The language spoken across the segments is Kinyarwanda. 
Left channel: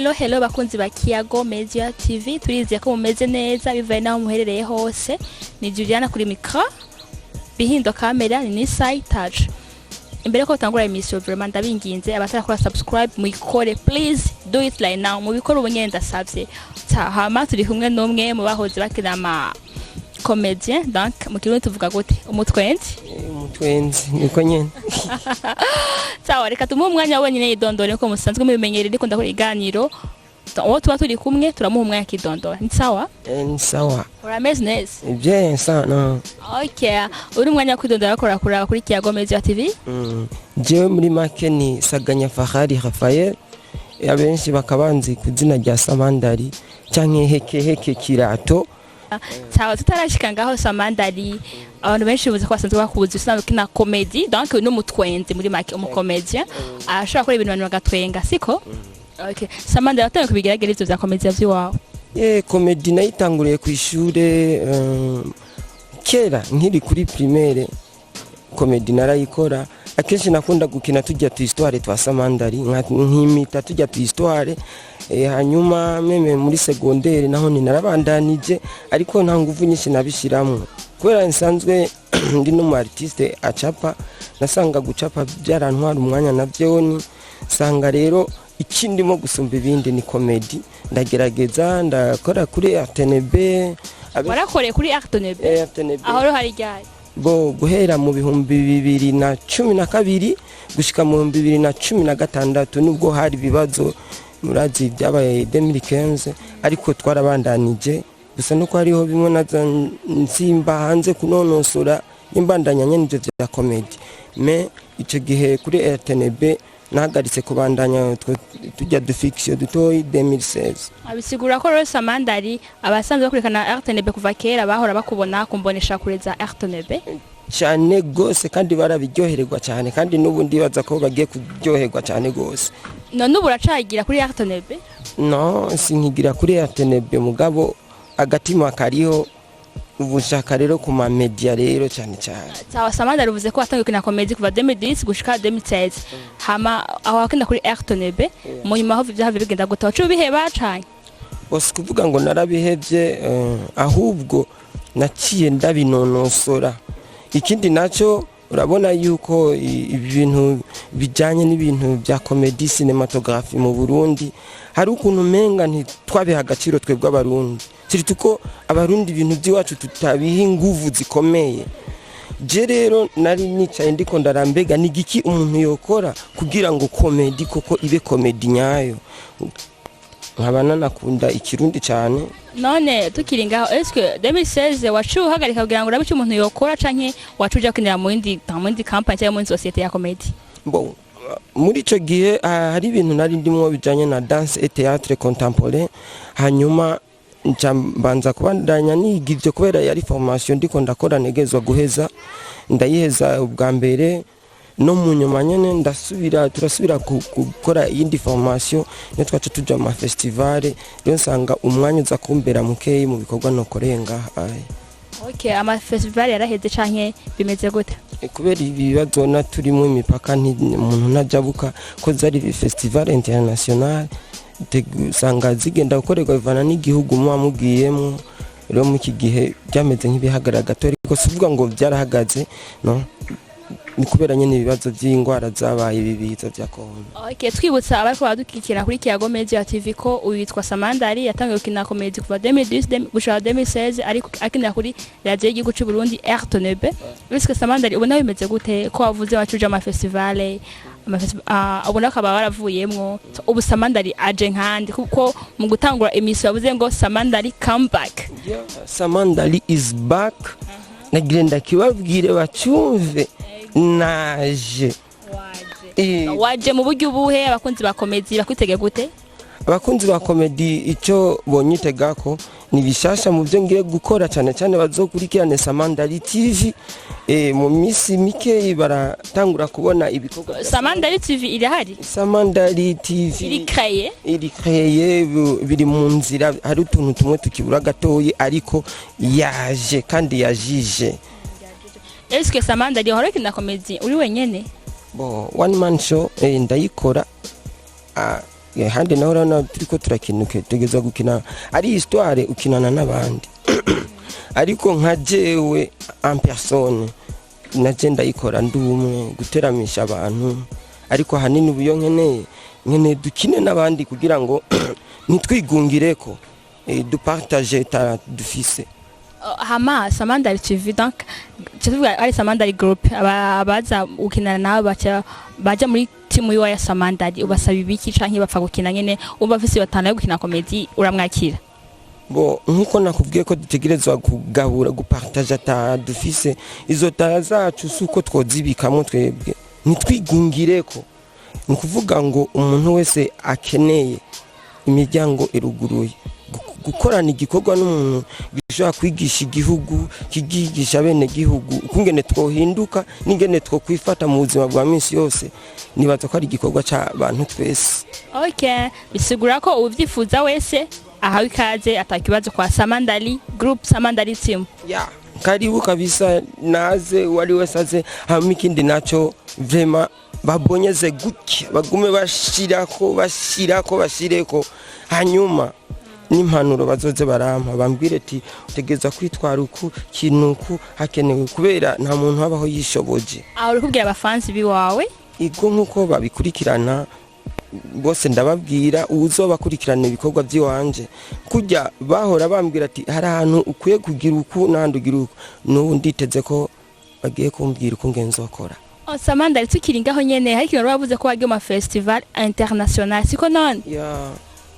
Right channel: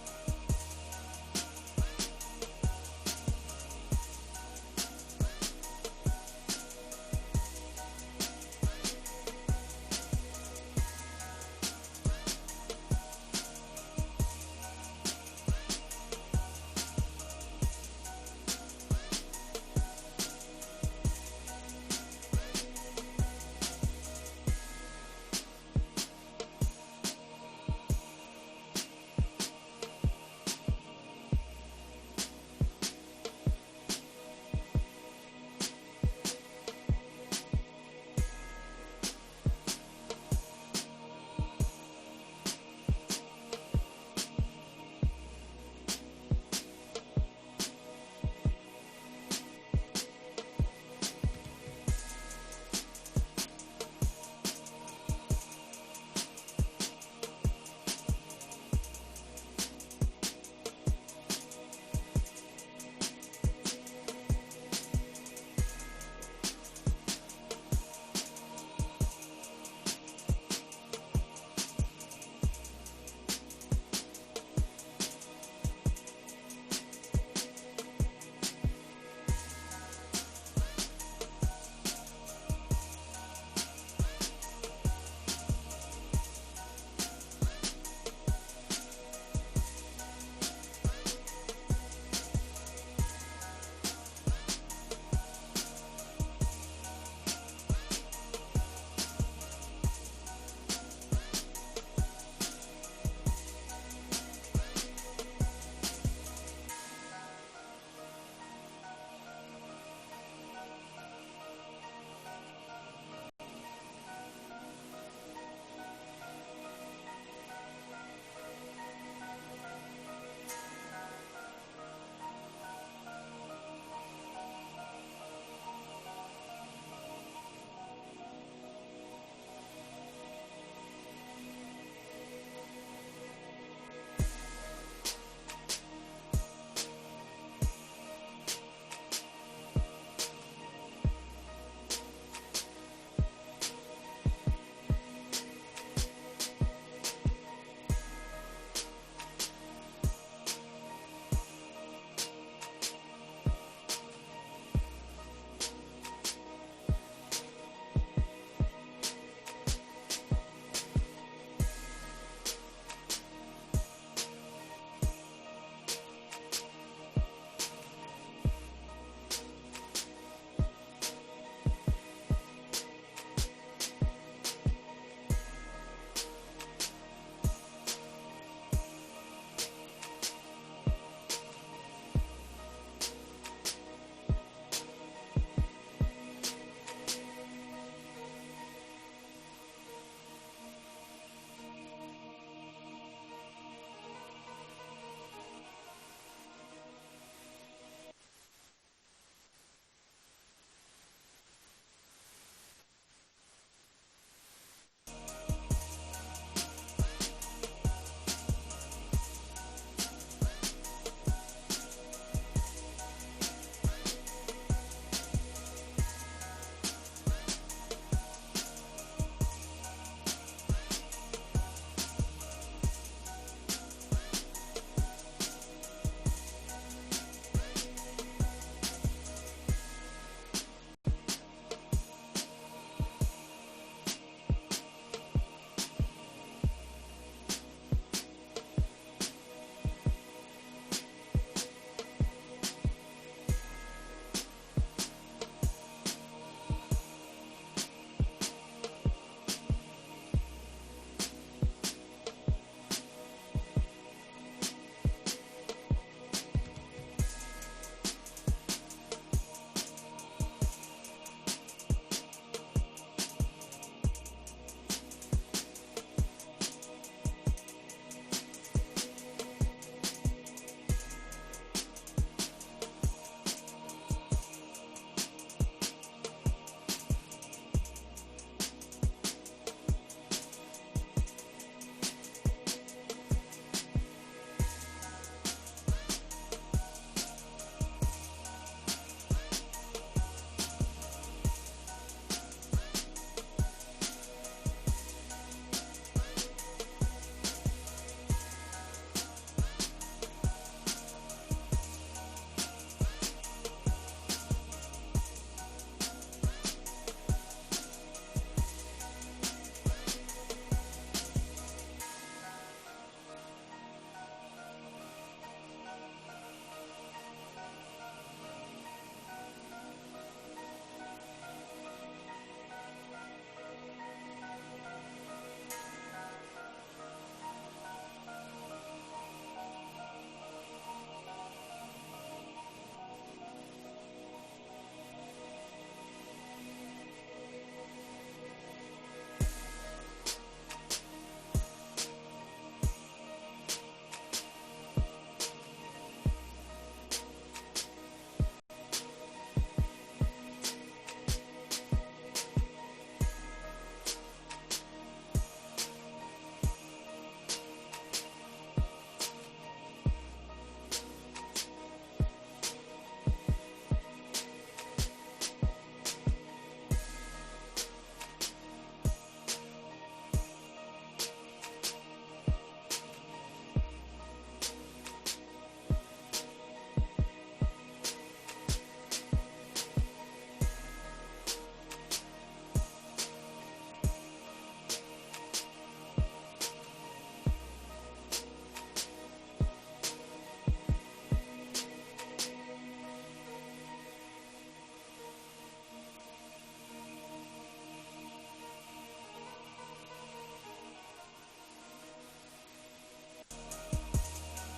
Hello bakunzi ba Kiyago Media TV, turize ko mumeze neza bivaye naho muherereye hose. Ni Juliana kuri micro, bihindo kamera ni Side Touch. Imbere ko tangura emission vraiment ndabinginze abatara subscribe muyikore, please do it right now. Mubikora ubunyenza savye. Hama turi kumwe n'umwe mu bahoze bakina ama comédien, donc mu kirundi tuvuga gute umutwenzi niko nyene. Sawa, reka tumuhe umwanya wenyine yidondore ko musanzwe mubimenyereye ariko ndakora iganiro. Uwo tuba turi kumwe turamuha umwanya kidondora. Ni sawa? Ni sawa. Urameze neza? Bien ça no. Okay. Uri umwanya kwidondora akora kuri Kiyago Media TV? Je muri make ni Saganya Fahari Raphael. Abenshi bakabanzi kuzina rya Samandari canke heke kirato. Sawa, tutarashika ngaho Samandari. Abantu benshi buze ko basanzwe bakuzi usanzwe kina comedy, donc n'umutwenzi muri make umukomedien ashobora gukora ibintu abantu bagatwenga, siko? Okay. Samandari atangiye kubigerageza ivyo vya comedy vy'iwawe. Comedy nayitanguriye ku ishure kera nkiri kuri primaire. Comedy narayikora akenshi nakunda gukina tujya tu histoire twa Samandari nkimita tujya tu histoire hanyuma meme muri secondaire naho ni narabandanije ariko nta nguvu nyinshi nabishiramo kubera nsanzwe ndi no artiste acapa nasanga gucapa byarantwara umwanya navyo ni sanga rero ikindimo gusumba ibindi ni comedy ndagerageza ndakora kuri RTNB. Warakoreye kuri RTNB? Aho hari ryari? Bo guhera mu bihumbi 2012 gushika mu 2016 nubwo hari bibazo murazi byabaye 2015 ariko twarabandanije gusa nuko hariho bimwe naza nsimba hanze kunonosora imbandanya nyene bya comedy me ico gihe kuri RTNB nahagaritse kubandanya tujya du fiction dutoyi 2016. Abisigura ko rero Samandari abasanzwe bakurikana RTNB kuva kera bahora bakubona kumbonesha kureza RTNB cyane gose kandi barabiryohererwa cyane kandi nubundi baza ko bagiye kuryoherwa cyane gose. None ubu uracagira kuri RTNB? No, sinkigira kuri RTNB mugabo agatima kariho ubushaka rero ku ma media rero cyane. Sawa, Samandari uvuze ko watangiye kina comedy kuva 2010 gushika 2016. Hama aho wakina kuri RTNB mu nyuma aho byahavye bigenda gutaha cyo biheba cyane. Bose kuvuga ngo narabihevye ahubwo naciye ndabinonosora. Ikindi naco urabona yuko ibintu bijanye n'ibintu bya comedy cinematography mu Burundi hari ukuntu menga ntitwabiha agaciro twebwe abarundi. Tuko abarundi ibintu by'iwacu tutabiha inguvu zikomeye. Je rero nari nicaye ndiko ndarambega nigiki umuntu yokora kugira ngo comedy koko ibe comedy nyayo. Nkabana nakunda ikirundi cyane. None tukiri ngaho eske 2016 wacu hagarika kugira ngo urabice umuntu yokora canke wacuja kwinira mu yindi company cyangwa mu societe ya comedy? Bon, muri ico gihe hari ibintu nari ndimwo bijanye na danse et théâtre contemporain hanyuma mbanza kubandanya nigivyo kubera yari formation ndiko ndakora negezwa guheza ndayiheza ubwa mbere no mu nyuma nyene turasubira gukora iyindi formation ne twacu tuja mu festival yo nsanga umwanya uza kumbera mukeyi mu bikorwa no korenga. Okay, ama festival yaraheze canke bimeze gute? Kubera ibibazo na turimo imipaka umuntu najabuka ko zari festival international sanga zigenda gukorerwa bivana n'igihugu mubwiyemo rero mu iki gihe byameze nk'ibihagarara gato ariko sivuga ngo byarahagaze no ni kubera nyene ibibazo by'ingwara zabaye bibiza bya corona. Okay, twibutsa abariko badukikira kuri Kiyago Media TV ko uyitwa Samandari yatangiye gukina comedy kuva 2010 gushika 2016 ariko akinira kuri radio y'igihugu cy'u Burundi RTNB. Biske Samandari ubona bimeze gute ko wavuze wacuje ama festival ubona ko baravuyemwo ubu Samandari aje nkandi kuko mu gutangura emission yavuze ngo Samandari come back. Yeah, Samandari is back. Nagenda kibabwire bacyumve naje. Waje mu buryo ubuhe abakunzi ba comedy bakwitege gute? Abakunzi ba comedy icyo bonyitega ko ni bishasha mu byo ngiye gukora cyane cyane bazokurikirane Samandari TV mu misi mike baratangura kubona ibikorwa. Samandari TV irahari? Samandari TV iri créé biri mu nzira hari utuntu tumwe tukibura gatoyi ariko yaje kandi yajije. Est-ce que Samandari horeke na comedy uri wenyene? One man show ndayikora handi naho urabona turiko turakinuke tugeza gukina ari histoire ukinana n'abandi ariko nka jewe en personne naje ndayikora ndumwe guteramisha abantu ariko hanini ubuyo nkeneye dukine n'abandi kugira ngo nitwigungireko dupartage ta dufise hama Samandari TV donc tuvuga ari Samandari group abaza ukinana nabo baja muri timu ya Samandari ubasaba ibiki canke bapfa gukina nyene umva afise batana yo gukina comedy uramwakira bo nkuko nakubwiye ko dutegerezwa kugabura gupartage ta dufise izo tara zacu suko twozibikamwe twebwe nitwigungireko ni kuvuga ngo umuntu wese akeneye imiryango iruguruye gukorana igikorwa n'umuntu gishobora kwigisha igihugu kigisha bene gihugu ukungene twohinduka n'ingene twokwifata mu buzima bwa minsi yose nibaza ko ari igikorwa cy'abantu twese. Okay, bisigura ko ubyifuza wese ahawe ikaze atakibazo kwa Samandari group Samandari team. Yeah, karibu kabisa naze wali wese aze hamwe ikindi naco vraiment babonyeze guki bagume bashireko hanyuma n'impanuro bazoze barampa bambwire ati utegeza kwitwara uku kinuku hakenewe kubera nta muntu habaho yishoboje. Aho uri kubwira abafansi biwawe iko nkuko babikurikirana bose ndababwira uzobakurikirana ibikorwa by'iwanje kujya bahora bambwira ati hari ahantu ukwiye kugira uku nandugira uku n'ubu nditeze ko bagiye kumbwira uko ngenzo bakora. Samandari tukiri ngaho nyene hari kintu bavuze ko wagiye mu festival international siko none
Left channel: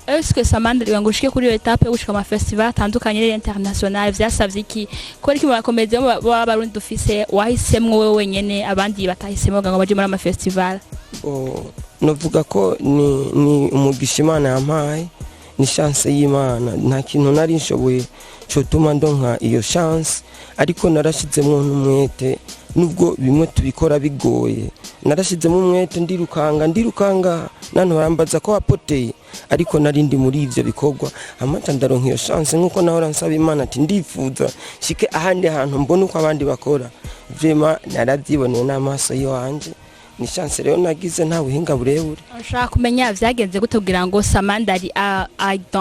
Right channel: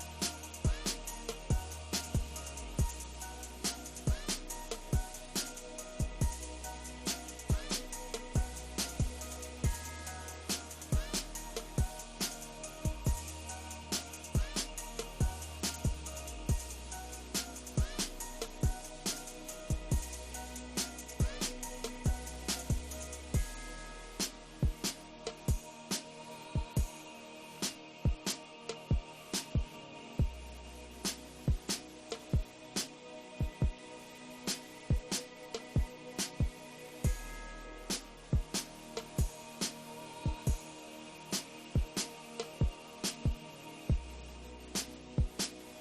est-ce que Samandari wangushike kuri iyo etape gushika mu festival atandukanye international vyasavye iki ko ari kimwe bakomeze b'abarundi dufise wahisemwe wewe wenyene abandi batahisemwe ngo baje muri ama festival. Novuga ko ni umugisha Imana yampaye ni chance y'Imana nta kintu nari nshoboye cyo tuma ndonka iyo chance ariko narashizemo n'umwete nubwo bimwe tubikora bigoye narashizemo umwete ndirukanga nano barambaza ko apoteye ariko narindi muri ivyo bikorwa amata ndaronka iyo chance nkuko nahora nsaba Imana ati ndifuza shike ahandi hantu mbona uko abandi bakora vraiment narabyiboneye n'amaso yanje ni chance rero nagize nta buhinga burebure. Ushaka kumenya vyagenze gute kugira ngo Samandari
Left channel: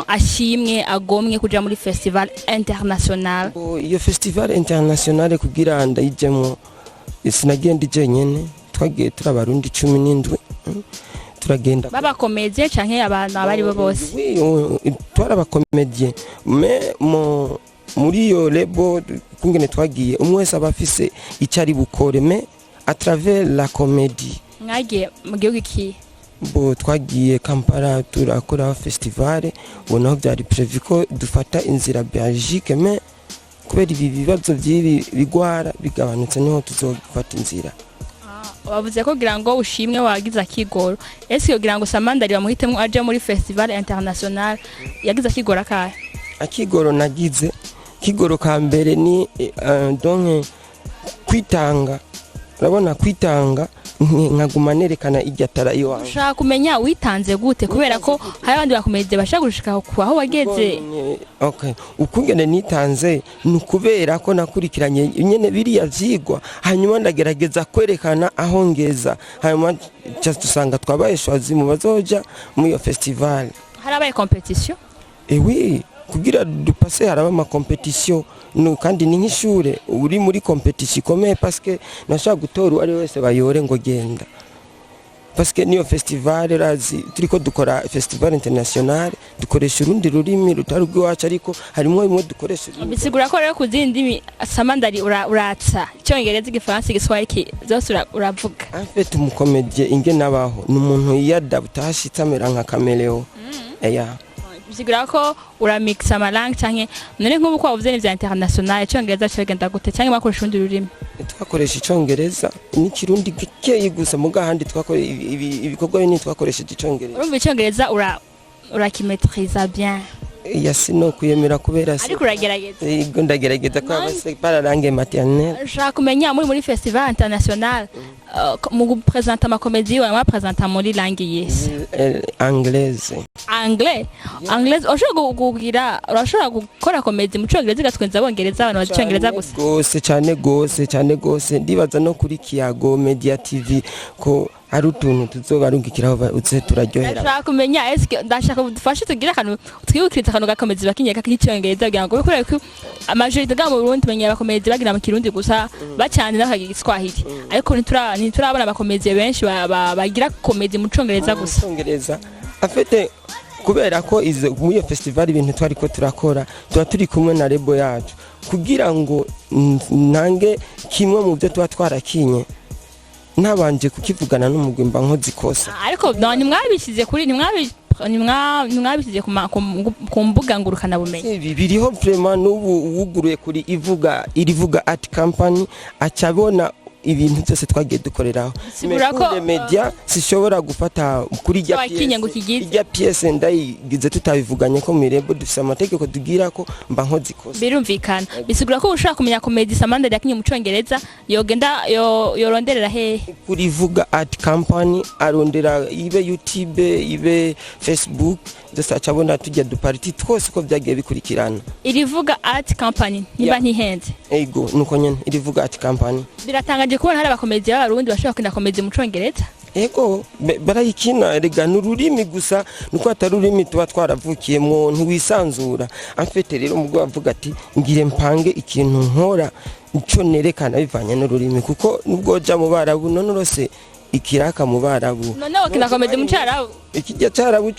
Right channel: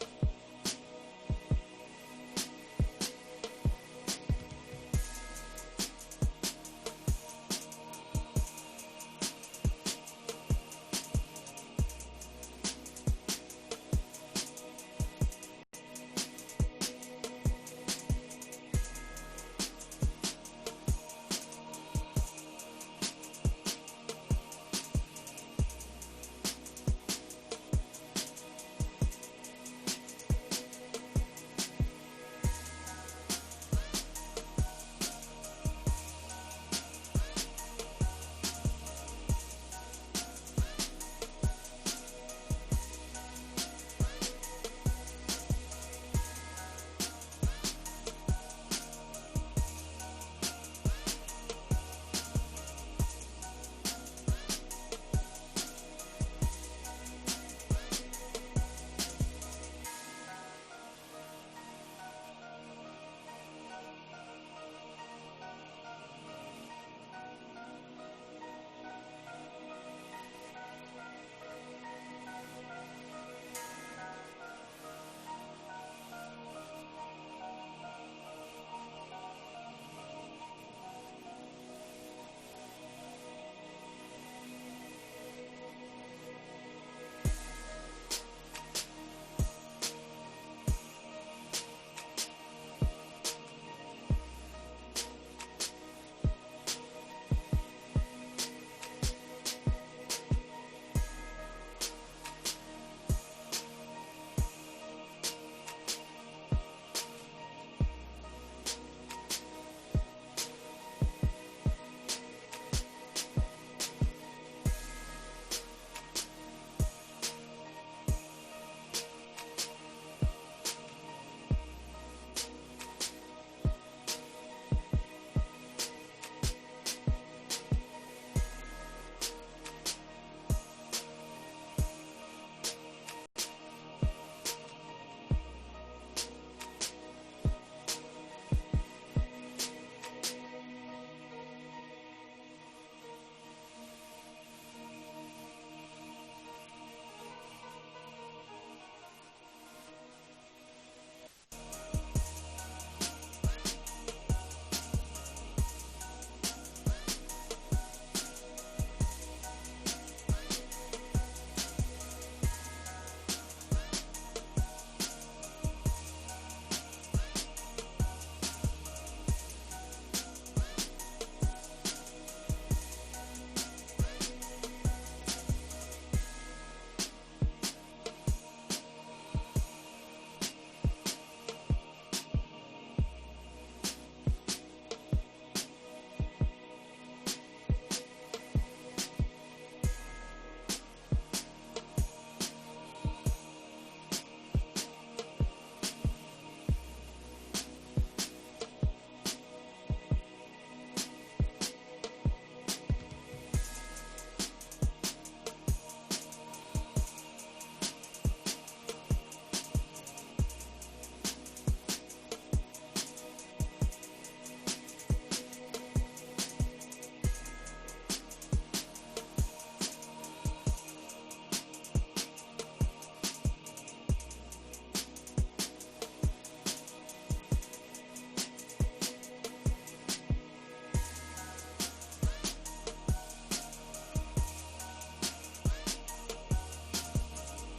ashimwe agomwe kuja muri festival international? Iyo festival international kugira ndayijemo sinagenda jenyene twagiye turabarundi 17 turagenda baba komedie canke abantu abari bo bose twarabakomedie muri yo lebo kungene twagiye umwese abafise icari bukore à travers la comédie. Ngagiye mu gihugu ki? Bo twagiye Kampala turakora festival ubonaho byari prévu ko dufata inzira Belgique mais kubera ibi bibazo by'ibi bigwara bigabanutse niho tuzofata inzira. Wavuze ko kugira ngo ushimwe wagize akigoro ese kugira ngo Samandari bamuhitemo aje muri festival international yagize akigoro akahe? Akigoro nagize kigoro ka mbere ni donc kwitanga urabona kwitanga nkaguma nerekana iryatara iwawe. Ushaka kumenya witanze gute kubera ko hari abandi bakomeze bashaka gushika aho wageze. Okay, ukungene nitanze nukubera ko nakurikiranye nyene biriya vyigwa hanyuma ndagerageza kwerekana aho ngeza hanyuma cyasanga twabaye shwazi mu bazoja mu iyo festival. Harabaye competition? Oui, kugira dupase haraba ama competition no kandi ni nk'ishure uri muri competition ikomeye parce que nashaka gutora ari wese bayore ngo genda parce que niyo festival razi turiko dukora festival international dukoresha urundi rurimi rutari rwacu ariko harimo imwe dukoresha. Bisigura ko rero kuzindi Samandari uratsa cyongereza igifaransa igiswahili zose uravuga. En fait umukomedie inge nabaho n'umuntu yadapta hashitsa mera nka Cameleo. Bisigura ko uramixa amalangue canke none nk'ubu ko wavuze n'ivya international cyongereza cyogenda gute canke bakoresha urundi rurimi? Twakoresha icyongereza n'ikirundi gikeye gusa muga handi twakore ibikorwa bini twakoresheje icyongereza. Urumva icyongereza urakimetriza bien? Yasino kuyemera kubera se. Ariko uragerageza? Yego ndagerageza ko abase para langue maternelle. Ushaka kumenya muri festival international mu présenter ma comédie ou ma présenter muri langue yes? Anglaise. Anglaise ushaka kugira urashaka gukora comédie mu cyongereza gatwenza abongereza abantu bacyongereza gusa. Gose cyane gose ndibaza no kuri Kiyago Media TV ko ari utuntu tuzobarungikiraho uze turaryohera. ndashaka kumenya eske ndashaka udufashe tugira akantu twibukiriza akantu gakomezi bakinyeka k'icyongereza kugira ngo bikorere ko amajorite ga mu Burundi menyera bakomezi bagira mu Kirundi gusa bacanye n'akagira Igiswahili ariko ntiturabona abakomezi benshi bagira komedi mu Congereza gusa. Congereza afite kubera ko izo muri iyo festival ibintu twari ko turakora tuba turi kumwe na rebo yacu kugira ngo nange kimwe mu byo tuba twarakinye nabanje kukivugana n'umugwi mba nkozi kosa. Ariko ntimwabishyize kuri ntimwabishyize ku mbuga ngurukana bumenyi. Biriho vraiment n'ubu wuguruye kuri irivuga art company acabona ibintu byose twagiye dukoreraho. Mekure media sishobora gufata kuri ijya pièce ndayigize tutabivuganye ko mirebo dufise amategeko tugira ko mba nkozi kosa. Birumvikana bisigura ko ushaka kumenya comedy Samandari yakinye mu Congereza yogenda yoronderera he kuri vuga art company arondera ibe YouTube ibe Facebook dose acabona tujya duparti twose ko byagiye bikurikirana. Irivuga art company niba ntihenze ego nuko nyene irivuga art company biratangaje kubona hari abakomedi b'abarundi bashaka kwina komedi mu Congereza. Ego barayikina rega n'ururimi gusa nuko atarurimi tuba twaravukiyemo ntiwisanzura amfete rero umugabo avuga ati ngire mpange ikintu nkora ico nerekana bivanye n'ururimi kuko nubwo ja mu Barabu nonorose ikiraka mu Barabu none wakina komedi mu Cyarabu ikijya Cyarabu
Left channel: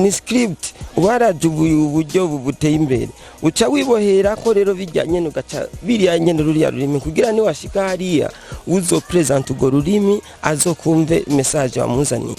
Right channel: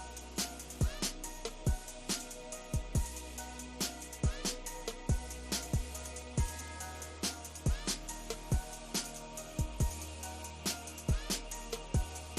ni script waraje uburyo buteye imbere uca wibohera ko rero bijyanye n'ugaca biriyanye n'ururiya rurimi kugira ni washika hariya uzo present ugo rurimi azokumve message wamuzaniye.